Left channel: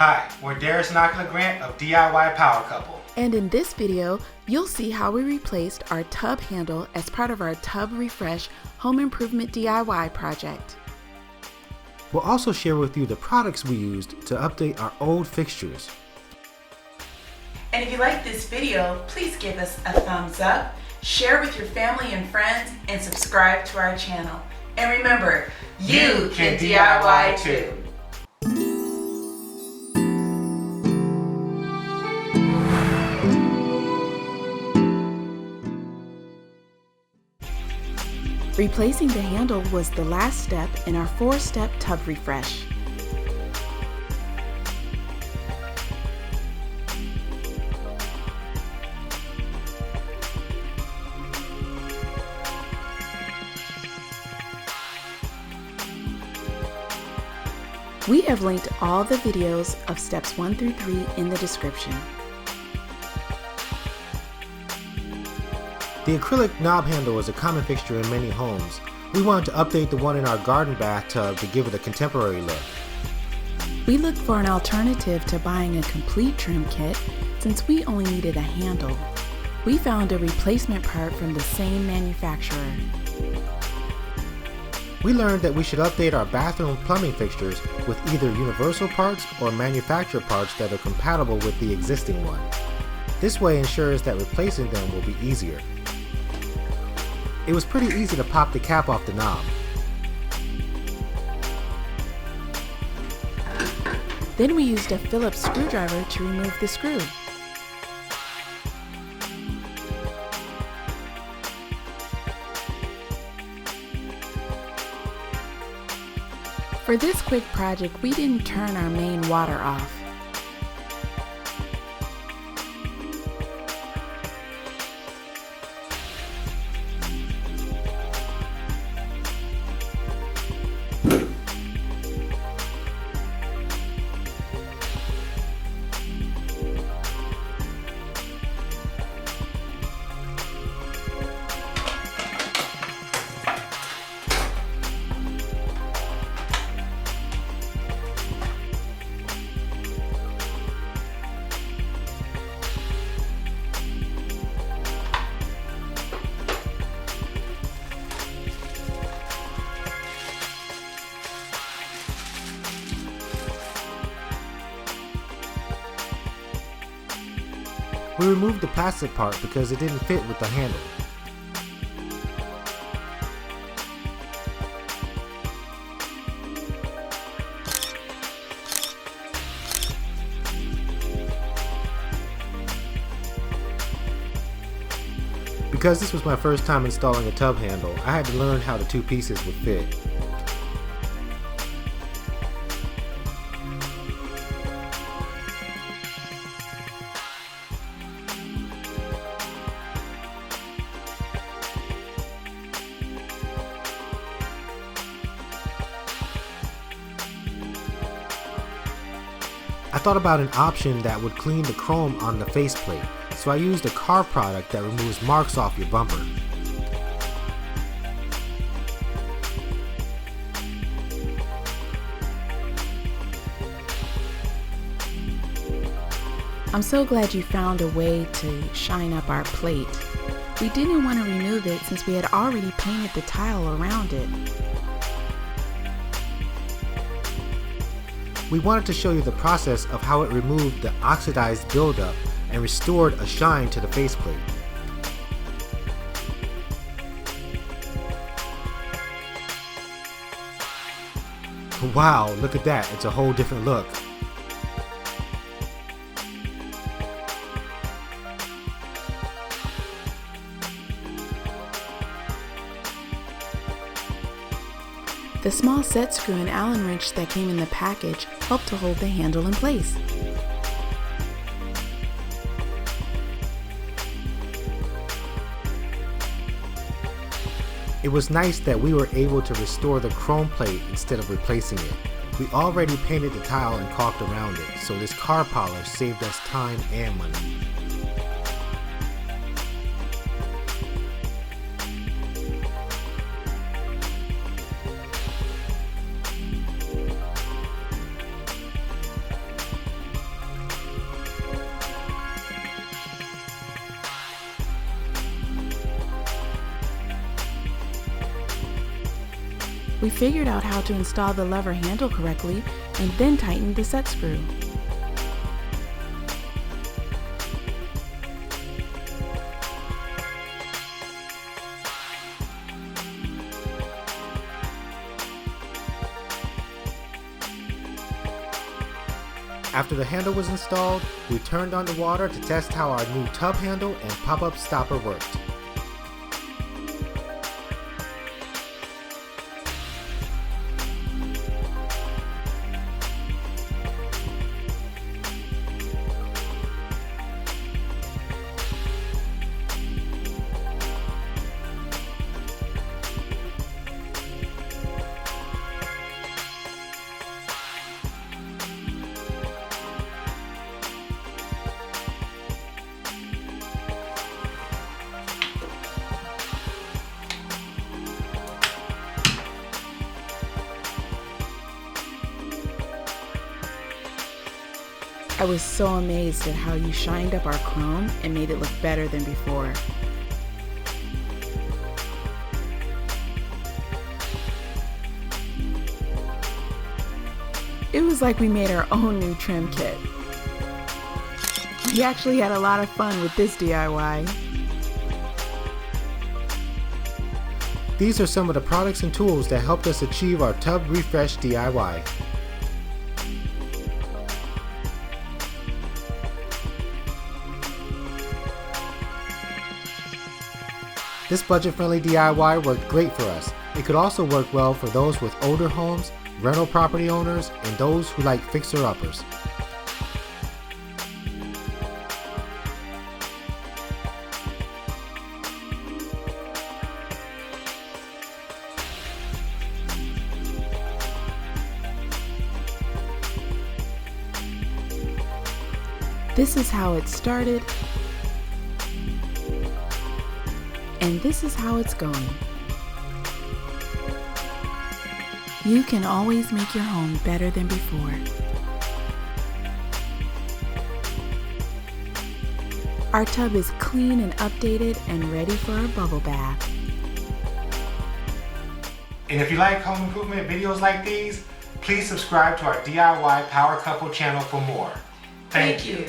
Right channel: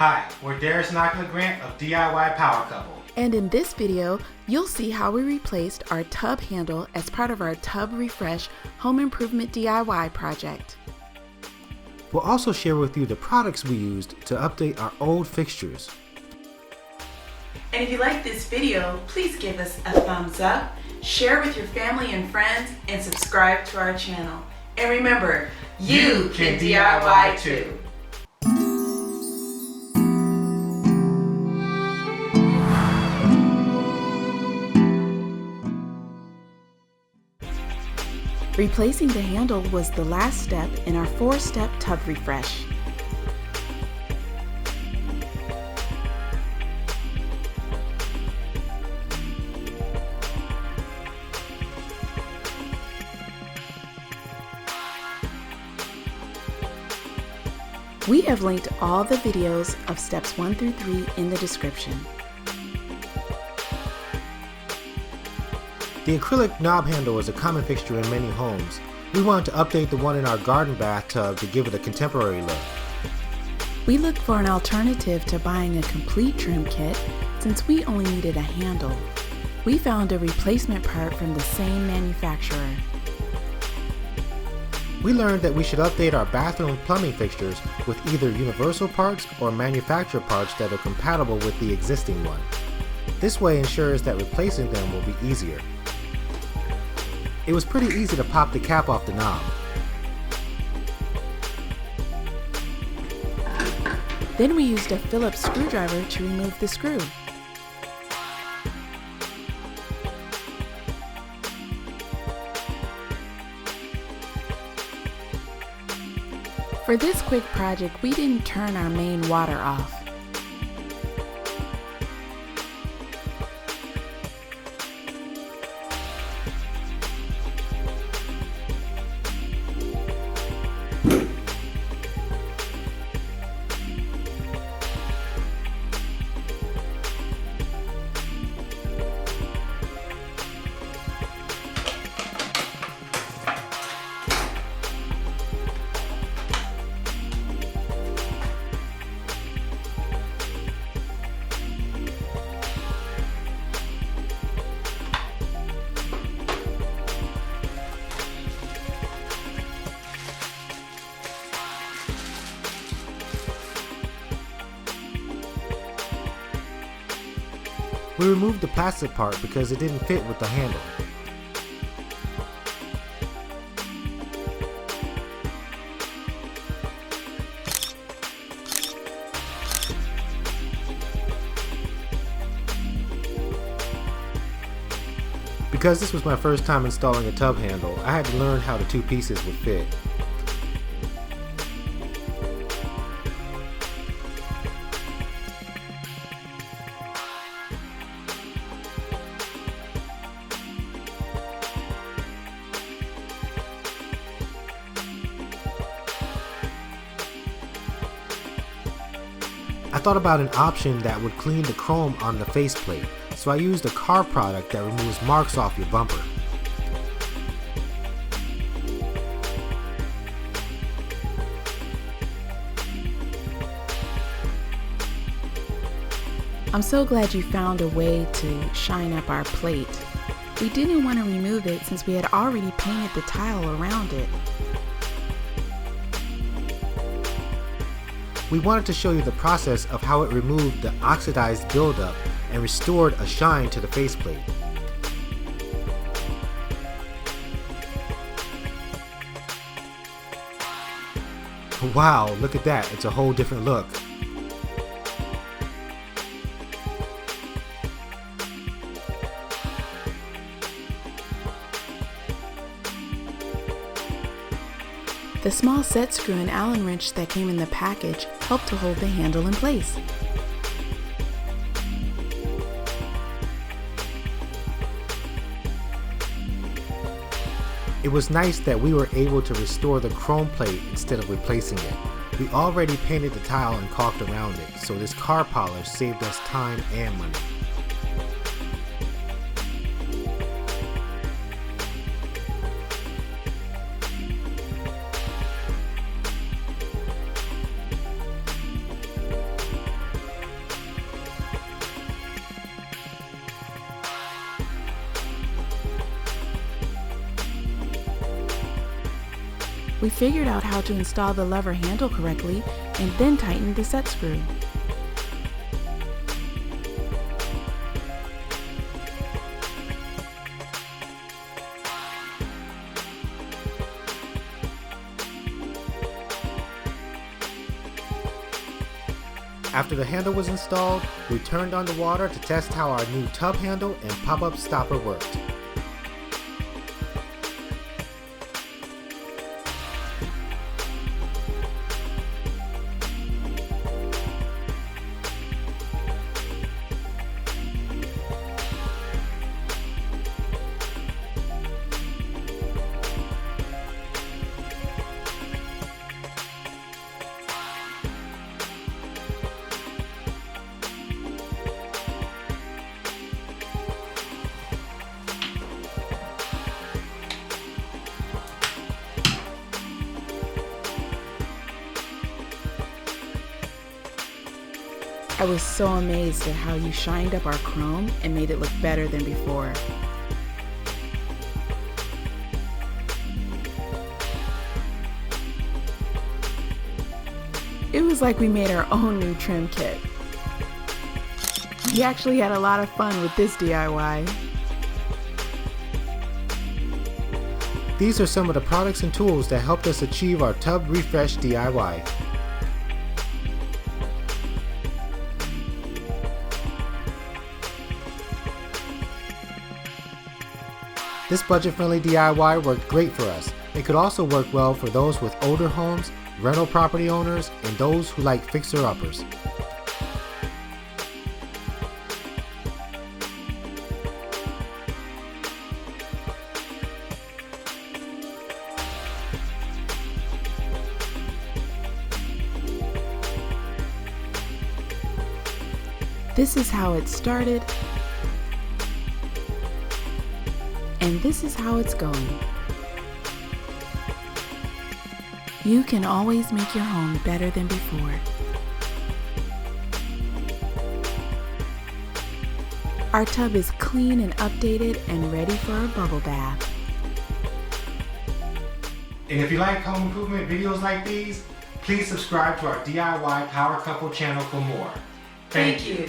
Hi, we're Darius and Akila Grant of DIY Power Couple. And in this video, you'll see how we replaced our tub handle as part of our Tub Refresh Home Improvement DIY project. We'll also share with you the products we used to update our old fixtures. And if you like this video, please give us a thumbs up, share with your family and friends, and subscribe to our channel. And remember, you can DIY too. Replacing the handle was the last step in our 4-step tub refresh. We have linked all the videos of steps 1 through 3 in the description. The acrylic knob handle is a common fixture in many homes. We wanted to update the one in our garden bathtub to give it a contemporary look. We looked for an alternative to buying a complete trim kit since we only needed a handle. We found a replacement part from the same manufacturer. We learned that we should update our bathroom plumbing fixtures with either universal parts or manufacturer parts that are compatible with the existing one. This way ensures that replacing them will be easier. It was pretty easy to pop the cap off the knob. Then we used a Phillips screwdriver to remove the screw. For this quick project, we didn't turn our main water off. We removed the plastic part because it didn't fit with the handle. Because this was my first time installing a tub handle, I had to learn how the two pieces would fit. I thought about an option that would clean the chrome on the faceplate, so I used a car product that removes marks off your bumper. I'm so glad you found a way to shine up our plate. We didn't want to remove it since we had already painted the tile around it. We wanted to show you the process of how it removed the oxidized buildup and restored a shine to the faceplate. Wow, look at that, it's a whole different look. The small set screw and Allen wrench that came in the package helped to hold the handle in place. It was nice that we were able to restore the chrome plate instead of replacing it. We already painted the tile and caulked around it, so this car polish saved us time and money. We figured out how to install the lever handle correctly and then tightened the set screw. After the handle was installed, we turned on the water to test how our new tub handle and pop-up stopper worked. I was so amazed at how you shined up our chrome and made it look better than before. It was like we made our own new trim kit. We actually had a lot of fun with this DIY. These are some of the products and tools that helped us achieve our tub refresh DIY. This budget-friendly DIY worked great for us. It could also work well for those with older homes, rental property owners, and those who like fixer-uppers. This is how it started, and this is how it's going. You can always make your home better than before. Our tub is clean and updated and ready for a bubble bath. And if you like home improvement videos like these, please subscribe to our DIY Power Couple channel for more. Thank you.